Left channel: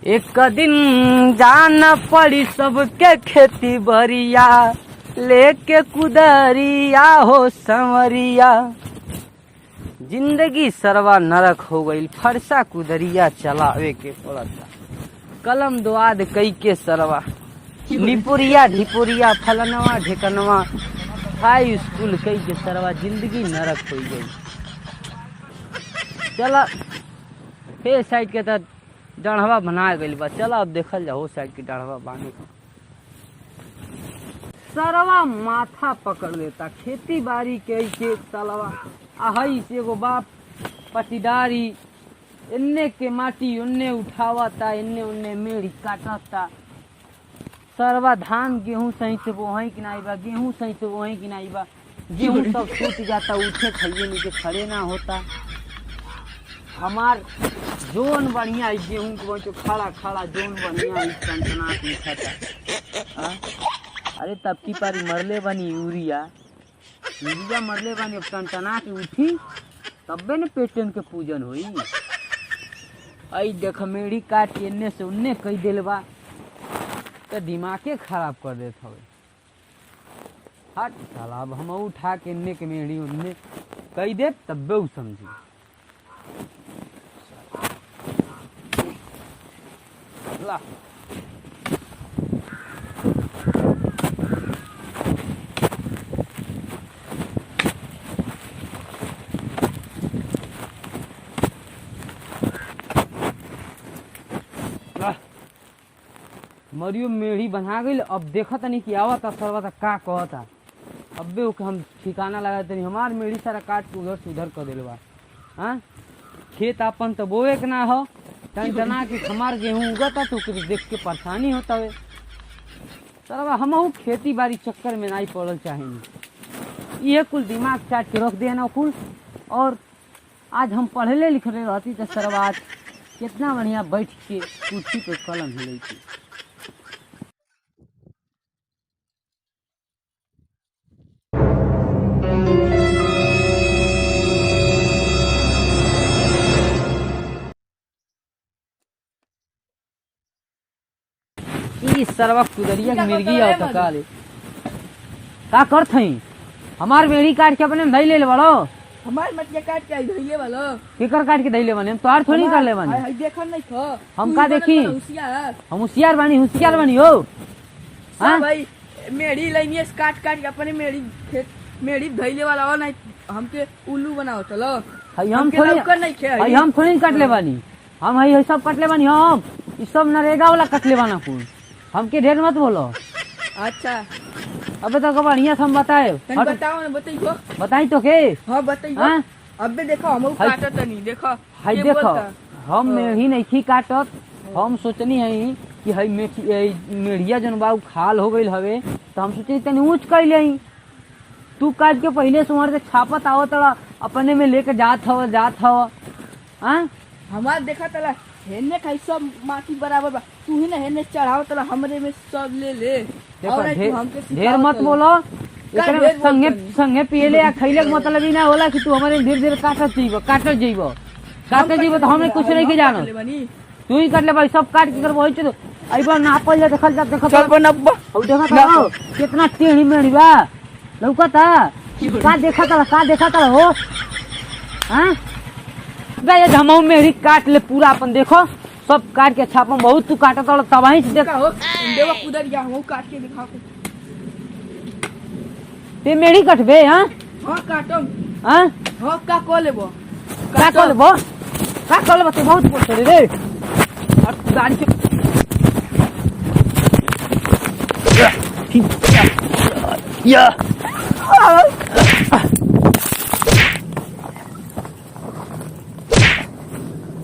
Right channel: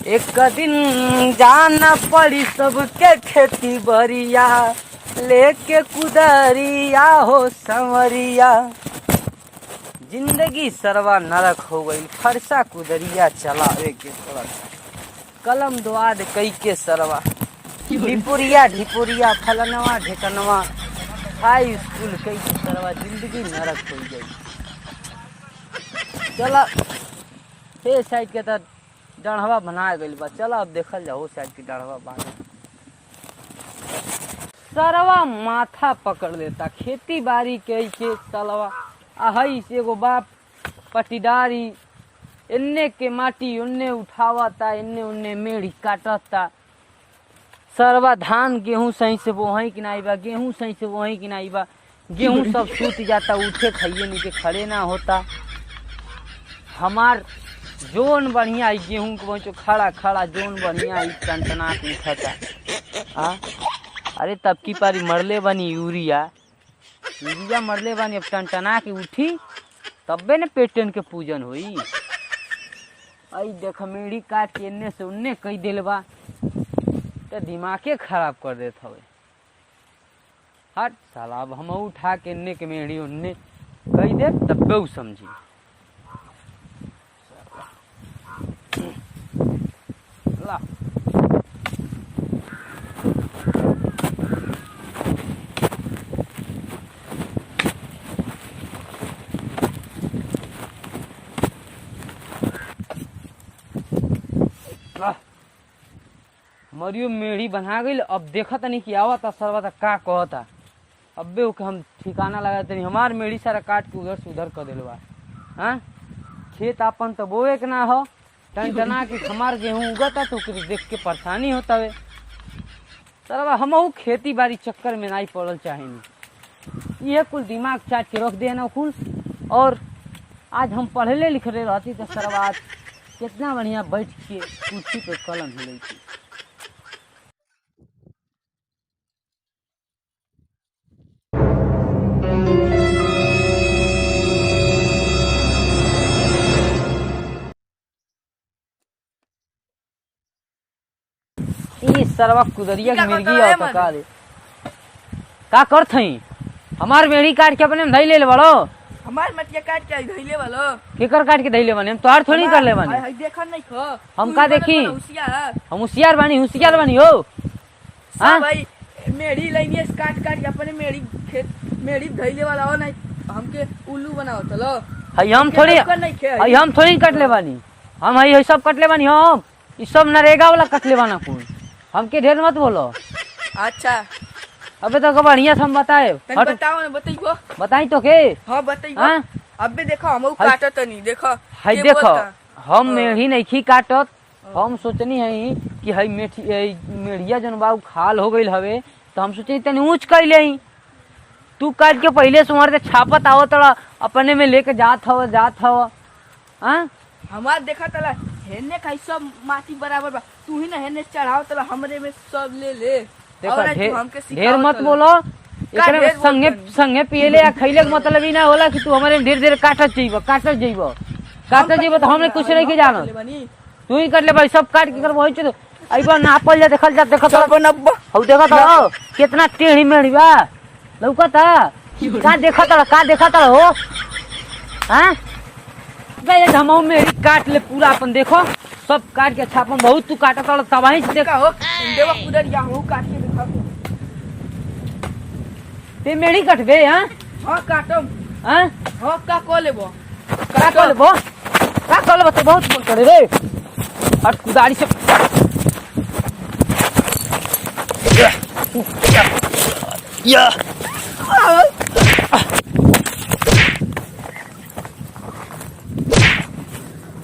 एक दिन जान पड़ी सबके खेती बरिया, लेके कुदरिया हो संवरिया। जिंदगी सरवा नरक हो गई, फरसा कुदरिया चलावे के थोड़ा सा कलम दुआद कई के सरवा। ढिपुरिया ढिपुरिया फलनवा ढिकनवा हाई स्कूल कई के सरवा, जिंदगी नरक हो गई। चला हे साइड के तो डाढ़वा बना गई बा, चला अब देखल जाओ साइड की डाढ़वा बानी। सरवा माथा पकड़ लेता खेती बाड़ी के चलवा। हई एगो बाप पटीदारी इन्ने के माटी उन्ने उठावता, इन्ने उन्ने मेढ़ी काटता। सरवा धान गेहूं सही से वहीं कि नहीं बा, गेहूं सही से वहीं कि नहीं बा, गेहूं सब सूत जाता, उठे खाइए नीचे खड़े ना होता। हमार जोन बढ़िया गेहूं को तो खड़ा खड़ा जोन बढ़िया टनटना उठता। हाँ अरे तब की पारी मरले बनी यूरिया मरले बानी, अब टनटना के उठी तब्बे ने पेटन के पूजन होई। आई देख मेढ़ी काट के इन्ने से उन्ने कई दिल बा, तो दिमागे खराब कर देत हवे। हट साला, अब हम उठा के इन्ने के मेढ़ी उन्ने कई दे तब्बे उ समझी। ला मरियो मेढ़ी बना गई। अब देखा तनी कि आवता सरवा का कहता, अब्बे ओके हम ठिकाना लगा तनी। हमार मेढ़ी सारा काट के उधर से उधर कर दिल बा। हाँ खेत अपन तो बोए के ना हो, टना के हमार गेहूं उगता तो देख के परेशानी होता है। सरवा हम खेती बाड़ी चक्कर में नहीं पड़ल चाहेनी, ये कुल दिमाग चाट के रख दे ना कुल। और आज हम पढ़ले लिखले रहती तो सरवा आज कितना बढ़िया बैठ के कुर्सी पे कलम हिलई थी। सरवा कुदरिया की मिर्गी आओ तो काले का करत हई। हमार मेढ़ी काट के अपने धई ले बड़ो, हमार मटिया काट के धइले वालो केकर काट के धइले बने, हम तोहार थोड़ी कर ले बने। देखन नहीं खो हम का देखी, हम होशियार बानी हो। हां भाई मेढ़ी लइनी काट काट के अपने मेढ़ी खेत मेढ़ी धइले वाला हो नहीं, हमके उल्लू बनाओ चलो। हई हम थोड़ी काट ले बानी, हम हई सब काट ले बानी। हम ई सब नरेगा वाला काट ले बाना कुल, हमके ढेर मत बोलो। अच्छा अबे तो बढ़िया से हम बताए, बताओ ना, बताइयो बताई तो के। हां बताइयो। हां अबे देखो हम काटत नहीं, देखो हई देखो हम मेढ़ी नहीं खी काटत। हम सोचनी है कि हई मेढ़िया जन बा खाल हो गई हवे, तो हम सोचनी तनी ऊंच कर ले। तू काट के पहले से उमर के छापत आओ तड़ा अपने में लेके जात हव। हाँ हमार देखा तला हेने खाई सब माटी बराबर बा, तू ही ना हेने चढ़ाओ तला हमरे में सब ले ले। ढेर मत बोलो, एकरे संगे पियले या खइले के मतलब ही ना होला कि तू हमारे ढेर काटत जइबो तो हमने कुछ नहीं के जानो। तू ही कर ले भाई, सब काट के कर वही तो आई बार नापल जा, देखल जा, देखत हो देखत कितना टेढ़ी मेढ़ी बा लौकता। का देखत हो। हां गए हमहू मेढ़ी काट ले पूरा अपन, देखो सब काट के छापम बहुत तू काटत वाला तबाही से देखा हो। देवा कुदर जा हो काट के दिखाओ ते मेढ़ी कटबे। हां हां काटम। हां हां का को लेबो तो बहुत बोल करे रे। हट कुदारी से या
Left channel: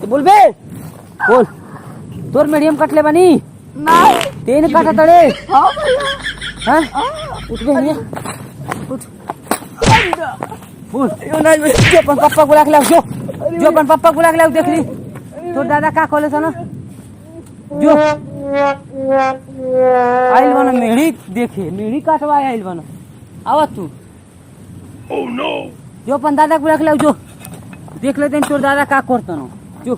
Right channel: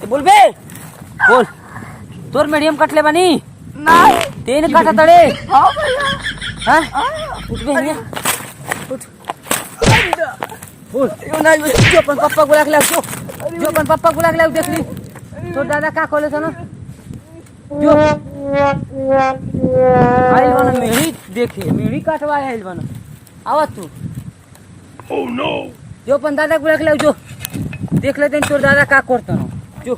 बोल बे बोल, तोर मीडियम कटले बनी ना तेन काटा तड़े। हां हां कुछ भी नहीं कुछ बोल। यो ना जो अपन पापा बुला के लाओ, जो अपन पापा बुला के लाओ, देख ली तो दादा का कहले था ना। जो आइल बना मेढ़ी देखे, मेढ़ी काटवा आइल बना। आवा तू जो अपन दादा बुला के लाओ, जो देख लेते हैं तोर दादा का करते हो। जो